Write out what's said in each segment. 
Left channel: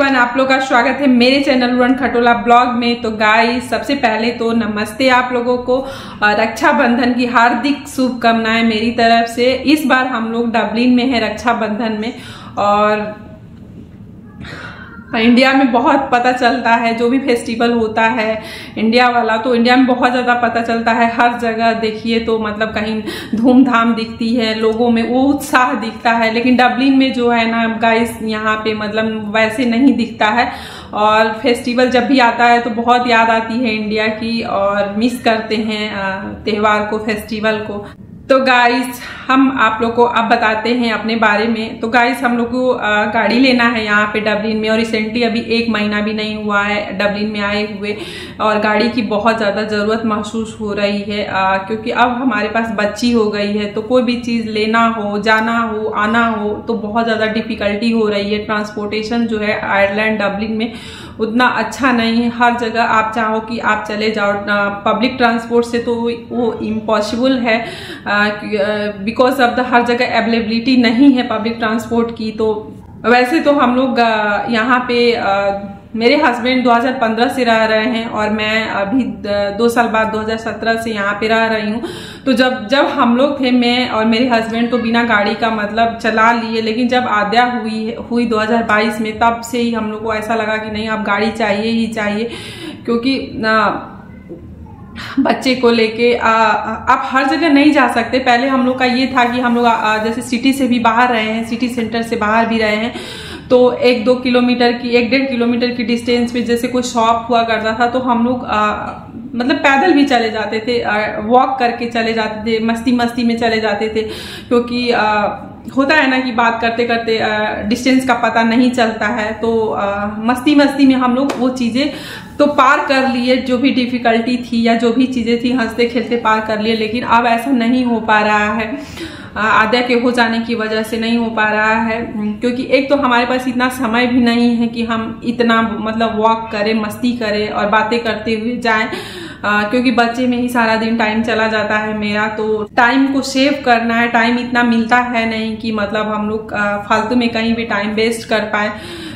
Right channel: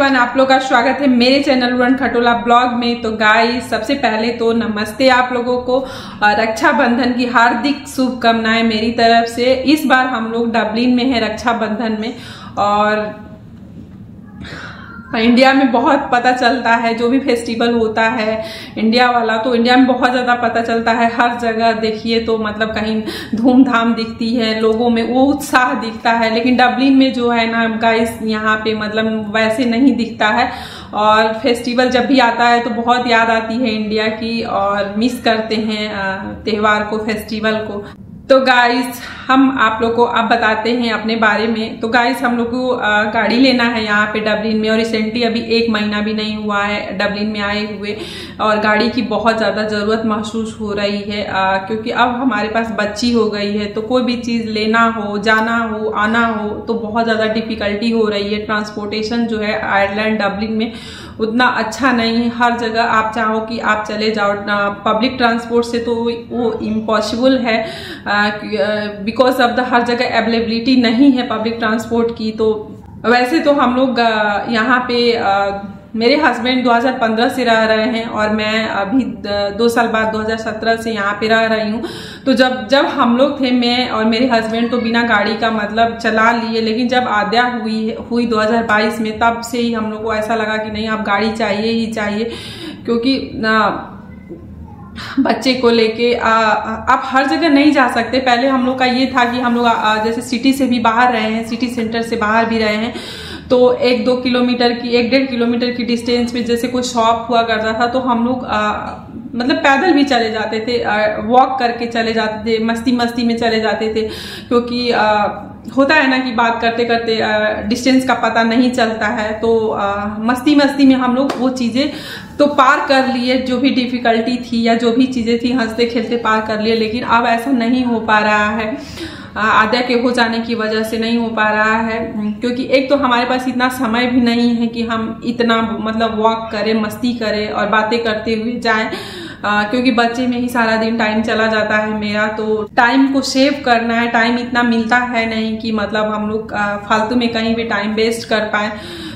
Everyone, आप लोग का स्वागत है मेरे चैनल उड़न खटोला ब्लॉग में। तो गाइस, सबसे पहले तो नमस्ते आप लोगों को और रक्षाबंधन की हार्दिक शुभकामनाएं मेरी तरफ से। इस बार हम लोग डबलिन में है रक्षाबंधन में, और इंडिया में बहुत पता चलता है जो भी फेस्टिवल होता है इंडिया वाला, तो इंडिया में बहुत ज्यादा पता चलता है। हर जगह देखिए तो मतलब कहीं धूमधाम दिखती है, लोगों में वो उत्साह दिखता है, लेकिन डबलिन में जो है ना गाइस, यहाँ पे मतलब वैसे नहीं दिखता है। और फेस्टिवल जब भी आता है तो बहुत याद आती है इंडिया की, और मिस करते हैं त्योहार को, फेस्टिवल को। तो गाइस, हम आप लोग को अब बताते हैं अपने बारे में। तो गाइस, हम लोग को गाड़ी लेना है यहाँ पे डबलिन में, और रिसेंटली अभी 1 महीना भी नहीं हुआ है डबलिन में आए हुए, और गाड़ी की बहुत ज्यादा जरूरत महसूस हो रही है, क्योंकि अब हमारे पास बच्ची हो गई है। तो कोई भी चीज लेना हो, जाना हो, आना हो, तो बहुत ज्यादा डिफिकल्टी हो रही है। ट्रांसपोर्टेशन जो है आयरलैंड डबलिन में उतना अच्छा नहीं है। हर जगह आप चाहो कि आप चले जाओ पब्लिक ट्रांसपोर्ट से, तो वो इम्पॉसिबल है, बिकॉज ऑफ द हर जगह अवेलेबिलिटी नहीं है पब्लिक ट्रांसपोर्ट की। तो वैसे तो हम लोग यहाँ पे मेरे हस्बैंड 2015 से रह रहे हैं, और मैं अभी 2 साल बाद 2017 से यहाँ पे रह रही हूँ। तो जब हम लोग थे, मैं और मेरे हस्बैंड तो बिना गाड़ी का मतलब चला लिए, लेकिन जब आद्या हुई 2022 में, तब से ही हम लोग को ऐसा लगा कि नहीं, अब गाड़ी चाहिए ही चाहिए, क्योंकि बच्चे को लेके आप हर जगह नहीं जा सकते। पहले हम लोग का ये था कि हम लोग जैसे सिटी से भी बाहर रहे हैं, सिटी सेंटर से बाहर भी रहे हैं, तो 1-2 किलोमीटर की, 1-1.5 किलोमीटर की डिस्टेंस पे जैसे कोई शॉप हुआ करता था, तो हम लोग मतलब पैदल भी चले जाते थे, वॉक करके चले जाते थे, मस्ती में चले जाते थे, क्योंकि होता है ना कि बात करते करते डिस्टेंस का पता नहीं चलता है। तो मस्ती में हम लोग वो चीजें तो पार कर लिए, जो भी डिफिकल्टी थी या जो भी चीजें थी हंसते खेलते पार कर लिए। लेकिन अब ऐसा नहीं हो पा रहा है, आद्या के हो जाने की वजह से नहीं हो पा रहा है, क्योंकि एक तो हमारे पास इतना समय भी नहीं है कि हम इतना मतलब वॉक करें, मस्ती करें और बातें करते हुए जाएं, क्योंकि बच्चे में ही सारा दिन टाइम चला जाता है मेरा। तो टाइम को सेव करना है, टाइम इतना मिलता है नहीं कि मतलब हम लोग फालतू में कहीं भी टाइम वेस्ट कर पाए,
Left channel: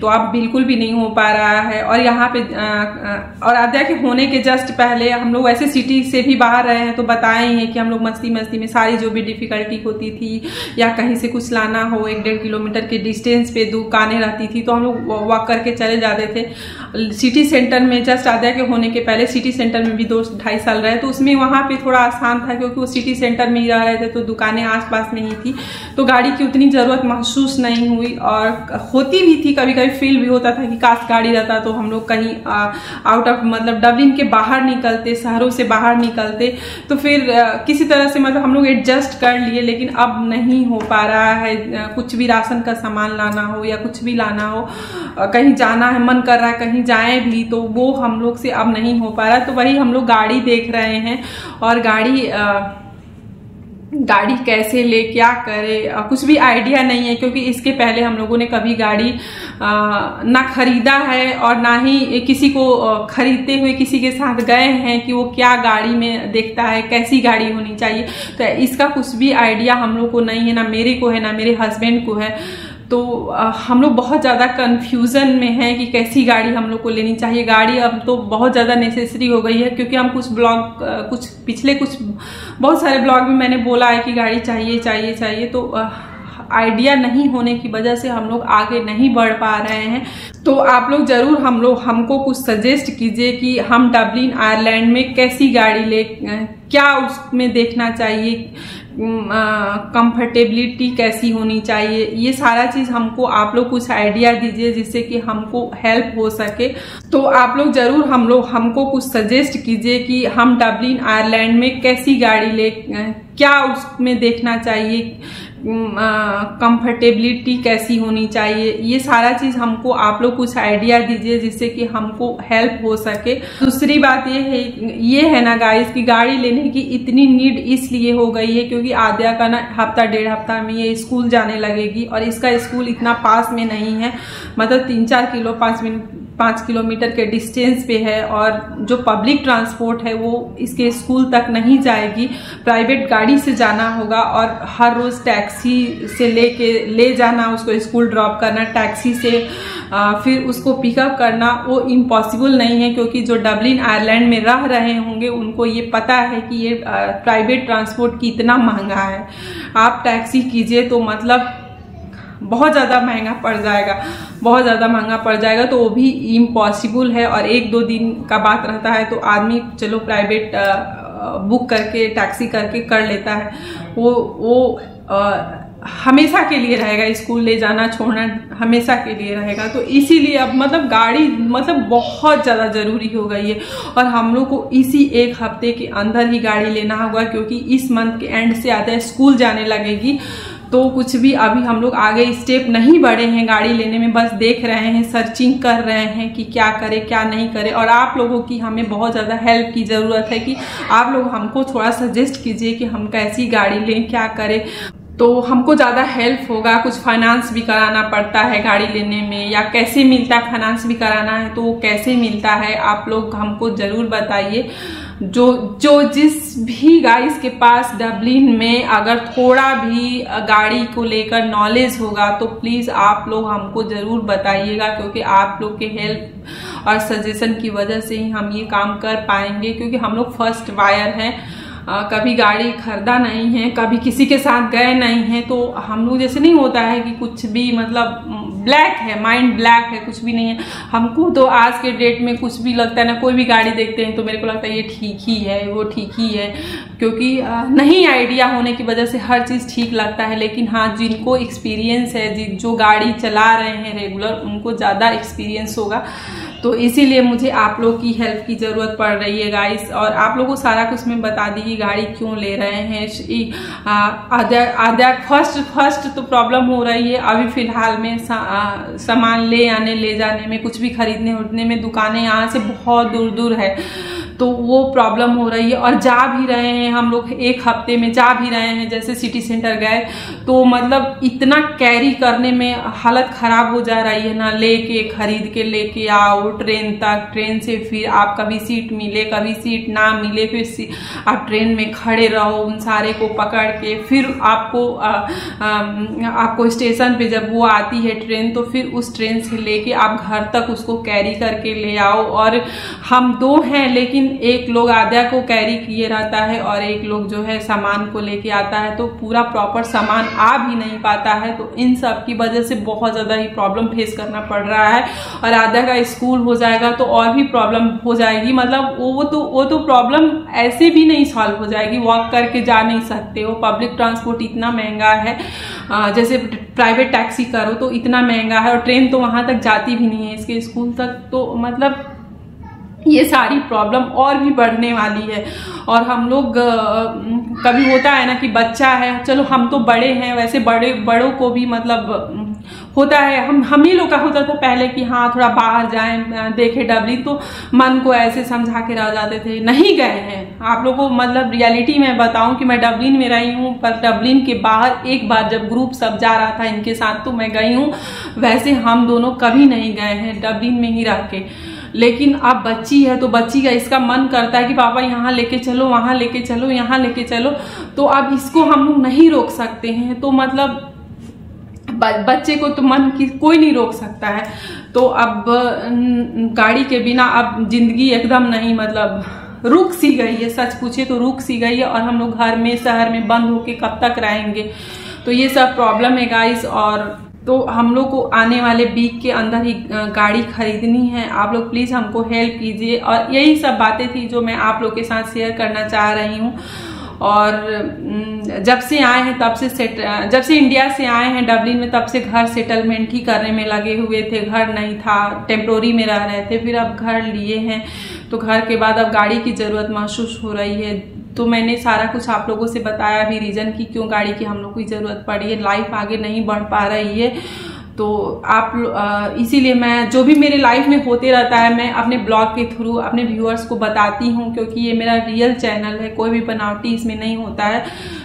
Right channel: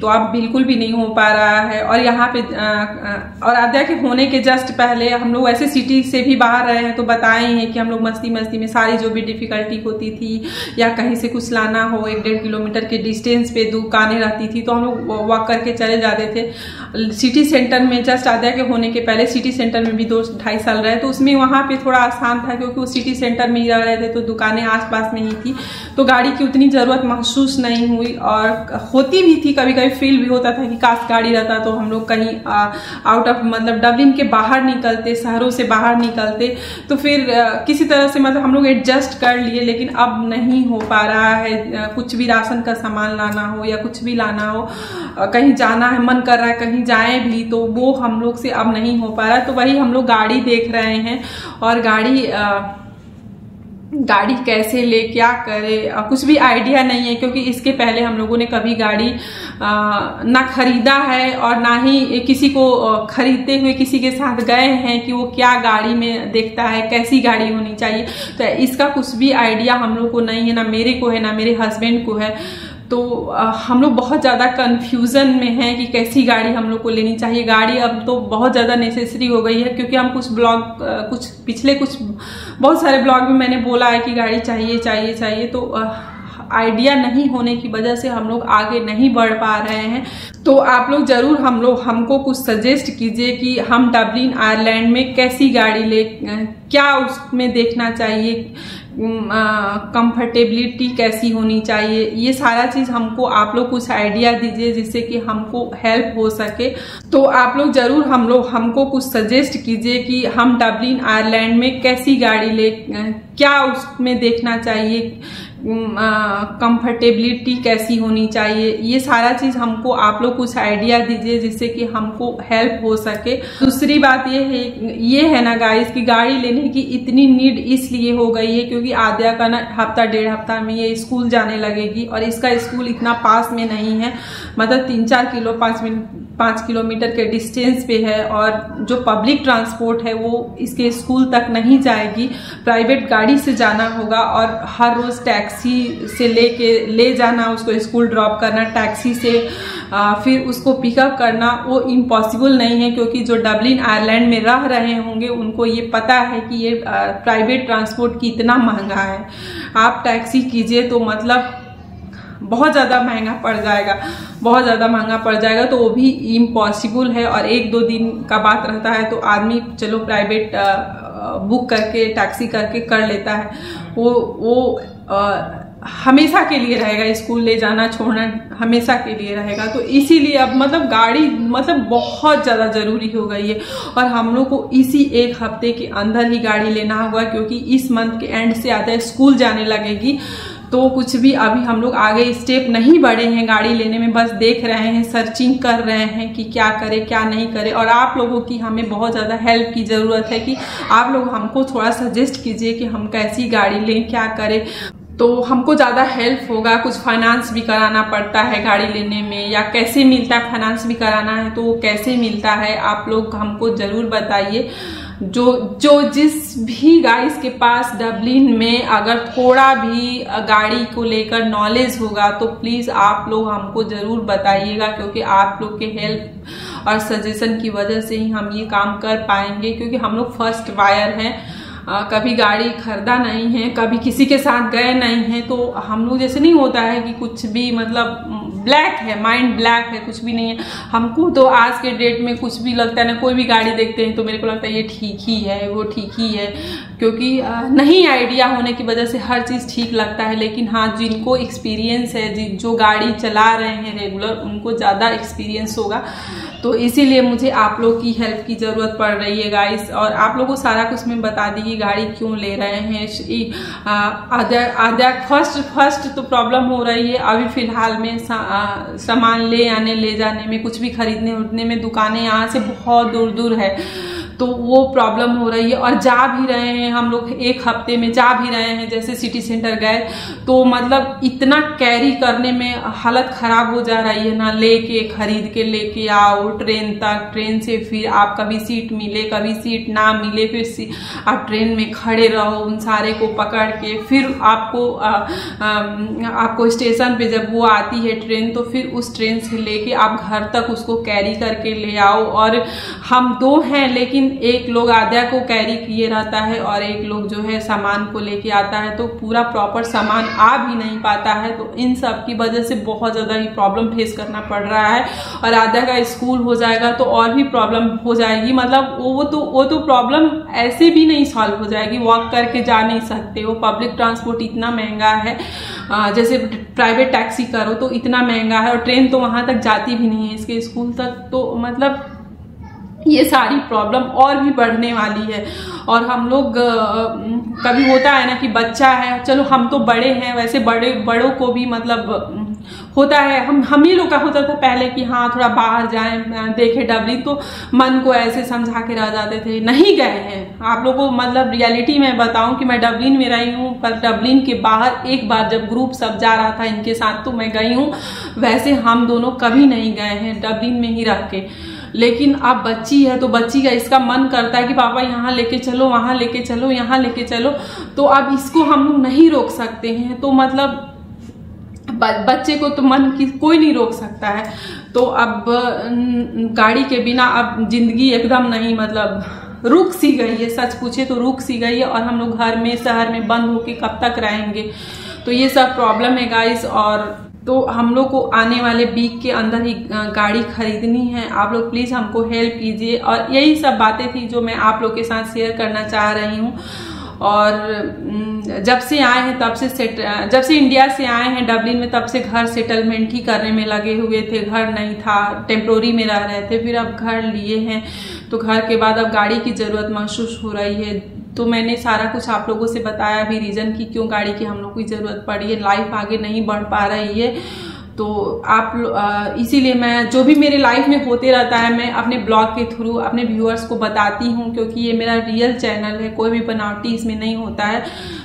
तो अब बिल्कुल भी नहीं हो पा रहा है। और यहाँ पे और आद्या के होने के जस्ट पहले हम लोग ऐसे सिटी से भी बाहर रहे हैं, तो बताए हैं कि हम लोग मस्ती में सारी जो भी डिफिकल्टी होती थी, या कहीं से कुछ लाना हो, 1-1.5 किलोमीटर के डिस्टेंस पे दुकानें रहती थी, तो हम लोग वॉक करके चले जाते थे। सिटी सेंटर में जस्ट आद्या के होने के पहले सिटी सेंटर में भी 2-2.5 साल रहे, तो उसमें वहां पे थोड़ा आसान था, क्योंकि वो सिटी सेंटर में ही रह रहे थे, तो दुकानें आसपास नहीं थी, तो गाड़ी की उतनी जरूरत महसूस नहीं हुई। और होती भी थी, कभी फील भी होता था कि काश गाड़ी रहता तो हम लोग कहीं आउट ऑफ मतलब डबलिन के बाहर निकलते, शहरों से बाहर निकलते, तो फिर किसी तरह से मतलब हम लोग एडजस्ट कर लिए। लेकिन अब नहीं हो पा रहा है, कुछ भी राशन का सामान लाना हो या कुछ भी लाना हो, कहीं जाना है, मन कर रहा है कहीं जाए भी, तो वो हम लोग से अब नहीं हो पा रहा। तो वही हम लोग गाड़ी देख रहे हैं, और गाड़ी कैसे ले, क्या करे, कुछ भी आइडिया नहीं है, क्योंकि इसके पहले हम लोगों ने कभी गाड़ी ना खरीदा है, और ना ही किसी को खरीदते हुए किसी के साथ गए हैं कि वो क्या गाड़ी में देखता है, कैसी गाड़ी होनी चाहिए। तो इसका कुछ भी आइडिया हम लोग को नहीं है, ना मेरे को है, ना मेरे हस्बैंड को है। तो हम लोग बहुत ज्यादा कंफ्यूजन में है कि कैसी गाड़ी हम लोग को लेनी चाहिए। गाड़ी अब तो बहुत ज्यादा नेसेसरी हो गई है, क्योंकि हम पिछले बहुत सारे ब्लॉग में मैंने बोला है कि गाड़ी चाहिए, तो आइडिया नहीं होने की वजह से हम लोग आगे नहीं बढ़ पा रहे हैं। तो आप लोग जरूर हमको कुछ सजेस्ट कीजिए कि हम डबलिन आयरलैंड में कैसी गाड़ी ले, क्या उसमें देखना चाहिए, कंफर्टेबिलिटी कैसी होनी चाहिए, ये सारा चीज हमको आप लोग कुछ आइडिया दीजिए, जिससे कि हमको हेल्प हो सके। तो आप लोग जरूर हमको कुछ सजेस्ट कीजिए कि हम डबलिन आयरलैंड में कैसी गाड़ी ले, क्या उसमें देखना चाहिए, कंफर्टेबिलिटी कैसी होनी चाहिए, ये सारा चीज हमको आप लोग कुछ आइडिया दीजिए, जिससे कि हमको हेल्प हो सके। दूसरी बात ये है ना गाइस, कि गाड़ी लेने की इतनी नीड इसलिए हो गई है क्योंकि आद्या का ना 1-1.5 हफ्ता में ये स्कूल जाने लगेगी, और इसका स्कूल इतना पास में नहीं है, मतलब 3-4 किलोमीटर के डिस्टेंस पे है, और जो पब्लिक ट्रांसपोर्ट है वो इसके स्कूल तक नहीं जाएगी, प्राइवेट गाड़ी से जाना होगा, और हर रोज टैक्स टैक्सी से ले जाना, उसको स्कूल ड्रॉप करना टैक्सी से, फिर उसको पिकअप करना वो इम्पॉसिबल नहीं है, क्योंकि जो डबलिन आयरलैंड में रह रहे होंगे उनको ये पता है कि ये प्राइवेट ट्रांसपोर्ट कितना महंगा है। आप टैक्सी कीजिए तो मतलब बहुत ज़्यादा महंगा पड़ जाएगा, बहुत ज़्यादा महंगा पड़ जाएगा, तो वो भी इम्पॉसिबल है। और 1-2 दिन का बात रहता है तो आदमी चलो प्राइवेट बुक करके टैक्सी करके कर लेता है, वो हमेशा के लिए रहेगा, स्कूल ले जाना छोड़ना हमेशा के लिए रहेगा। तो इसीलिए अब मतलब गाड़ी मतलब बहुत ज़्यादा ज़रूरी हो गई है, और हम लोग को इसी 1 हफ्ते के अंदर ही गाड़ी लेना होगा, क्योंकि इस मंथ के एंड से आधा स्कूल जाने लगेगी। तो कुछ भी अभी हम लोग आगे स्टेप नहीं बढ़े हैं गाड़ी लेने में, बस देख रहे हैं, सर्चिंग कर रहे हैं कि क्या करें क्या नहीं करें। और आप लोगों की हमें बहुत ज़्यादा हेल्प की ज़रूरत है कि आप लोग हमको थोड़ा सजेस्ट कीजिए कि हम कैसी गाड़ी लें, क्या करें, तो हमको ज़्यादा हेल्प होगा। कुछ फाइनेंस भी कराना पड़ता है गाड़ी लेने में, या कैसे मिलता है, फाइनेंस भी कराना है तो कैसे मिलता है, आप लोग हमको ज़रूर बताइए। जो जिस भी गाइस के पास डबलिन में अगर थोड़ा भी गाड़ी को लेकर नॉलेज होगा तो प्लीज आप लोग हमको जरूर बताइएगा, क्योंकि आप लोग के हेल्प और सजेशन की वजह से ही हम ये काम कर पाएंगे। क्योंकि हम लोग फर्स्ट बायर हैं, कभी गाड़ी खरीदा नहीं है, कभी किसी के साथ गए नहीं है, तो हम लोग जैसे नहीं होता है कि कुछ भी मतलब ब्लैक है, माइंड ब्लैक है, कुछ भी नहीं है। हमको तो आज के डेट में कुछ भी लगता है ना, कोई भी गाड़ी देखते हैं तो मेरे को लगता है ये ठीक ही है, वो ठीक ही है, क्योंकि नहीं आइडिया होने की वजह से हर चीज़ ठीक लगता है। लेकिन हाँ, जिनको एक्सपीरियंस है, जो गाड़ी चला रहे हैं रेगुलर, उनको ज़्यादा एक्सपीरियंस होगा। तो इसीलिए मुझे आप लोग की हेल्प की जरूरत पड़ रही है गाइस, और आप लोगों को सारा कुछ मैं बता दी कि गाड़ी क्यों ले रहे हैं। आधा फर्स्ट तो प्रॉब्लम हो रही है अभी फिलहाल में, सामान ले जाने में, कुछ भी खरीदने उठने में, दुकानें यहाँ से बहुत दूर दूर है, तो वो प्रॉब्लम हो रही है। और जा भी रहे हैं हम लोग, 1 हफ्ते में जा भी रहे हैं, जैसे सिटी सेंटर गए तो मतलब इतना कैरी करने में हालत खराब हो जा रही है ना, लेके खरीद के लेके आओ ट्रेन तक, ट्रेन से फिर आप कभी सीट मिले कभी सीट ना मिले, फिर आप ट्रेन में खड़े रहो उन सारे को पकड़ के, फिर आपको स्टेशन पे जब वो आती है ट्रेन तो फिर उस ट्रेन से लेके आप घर तक उसको कैरी करके ले आओ। और हम 2 हैं, लेकिन एक लोग आधा को कैरी किए रहता है और एक लोग जो है सामान को लेके आता है, तो पूरा प्रॉपर सामान आ भी नहीं पाता है। तो इन सब की वजह से बहुत ज्यादा ही प्रॉब्लम फेस करना पड़ रहा है। और आधा का स्कूल हो जाएगा तो और भी प्रॉब्लम हो जाएगी, मतलब वो तो प्रॉब्लम ऐसे भी नहीं सॉल्व हो जाएगी, वॉक करके जा नहीं सकते हो, पब्लिक ट्रांसपोर्ट इतना महंगा है, जैसे प्राइवेट टैक्सी करो तो इतना महंगा है, और ट्रेन तो वहां तक जाती भी नहीं है इसके स्कूल तक। तो मतलब ये सारी प्रॉब्लम और भी बढ़ने वाली है। और हम लोग कभी होता है ना कि बच्चा है, चलो हम तो बड़े हैं, वैसे बड़ों को भी मतलब होता है, हम ही लोग का होता था पहले कि हाँ थोड़ा बाहर जाएं देखे डबलिन, तो मन को ऐसे समझा के रह जाते थे, नहीं गए हैं। आप लोगों को मतलब रियलिटी में बताऊं कि मैं डबलिन में रही हूँ, पर डबलिन के बाहर एक बार जब ग्रुप सब जा रहा था इनके साथ तो मैं गई हूँ, वैसे हम दोनों कभी नहीं गए हैं डबलिन में ही रह के। लेकिन अब बच्ची है तो बच्ची का इसका मन करता है कि पापा यहाँ लेके चलो, वहां लेके चलो, यहाँ लेके चलो, तो अब इसको हम लोग नहीं रोक सकते हैं। तो मतलब बच्चे को तो मन की कोई नहीं रोक सकता है। तो अब गाड़ी के बिना अब जिंदगी एकदम नहीं, मतलब रुक सी गई है, सच पूछे तो रुक सी गई है। और हम लोग घर में शहर में बंद होके कब तक रहेंगे, तो ये सब प्रॉब्लम है गाइस। और तो हम लोग को आने वाले वीक के अंदर ही गाड़ी खरीदनी है, आप लोग प्लीज हमको हेल्प कीजिए। और यही सब बातें थी जो मैं आप लोग के साथ शेयर करना चाह रही हूँ। और जब से आए हैं तब से जब से इंडिया से आए हैं डबलिन में, तब से घर सेटलमेंट ही करने में लगे हुए थे, घर नहीं था, टेम्पोरी में रह रहे थे, फिर अब घर लिए हैं, तो घर के बाद अब गाड़ी की जरूरत महसूस हो रही है। तो मैंने सारा कुछ आप लोगों से बताया भी रीजन कि क्यों गाड़ी की हम लोग को जरूरत पड़ी है, लाइफ आगे नहीं बढ़ पा रही है। तो आप इसीलिए मैं जो भी मेरे लाइफ में होते रहता है मैं अपने ब्लॉग के थ्रू अपने व्यूअर्स को बताती हूँ, क्योंकि ये मेरा रियल चैनल है, कोई भी बनावटी इसमें नहीं होता है।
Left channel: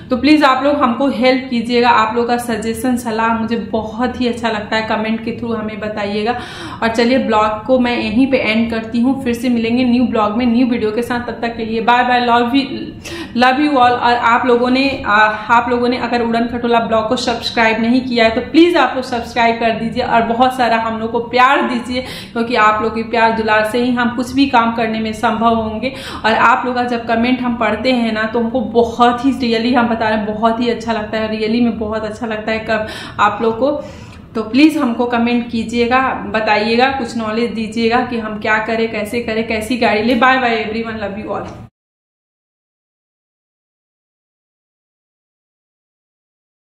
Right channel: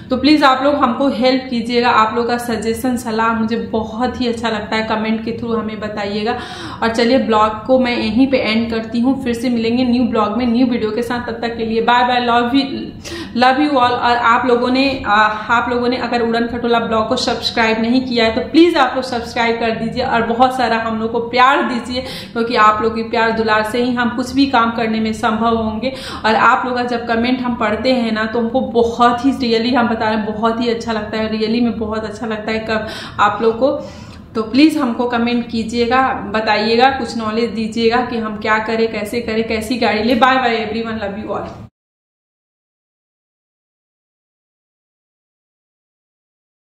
तो प्लीज आप लोग हमको हेल्प कीजिएगा, आप लोग का सजेशन सलाह मुझे बहुत ही अच्छा लगता है, कमेंट के थ्रू हमें बताइएगा। और चलिए ब्लॉग को मैं यहीं पे एंड करती हूँ, फिर से मिलेंगे न्यू ब्लॉग में न्यू वीडियो के साथ। तब तक के लिए bye bye, love you all. और आप लोगों ने अगर उड़न खटोला ब्लॉग को सब्सक्राइब नहीं किया है तो प्लीज आप लोग सब्सक्राइब कर दीजिए और बहुत सारा हम लोग को प्यार दीजिए, क्योंकि आप लोग की प्यार दुलार से ही हम कुछ भी काम करने में संभव होंगे। और आप लोग का जब कमेंट हम पढ़ते हैं ना तो वो बहुत ही रियली हम बता रहे हैं बहुत ही अच्छा लगता है, रियली में बहुत अच्छा लगता है कब आप लोग को। तो प्लीज हमको कमेंट कीजिएगा, बताइएगा, कुछ नॉलेज दीजिएगा कि हम क्या करें, कैसे करें, कैसी गाड़ी ले। Bye bye everyone, love you all.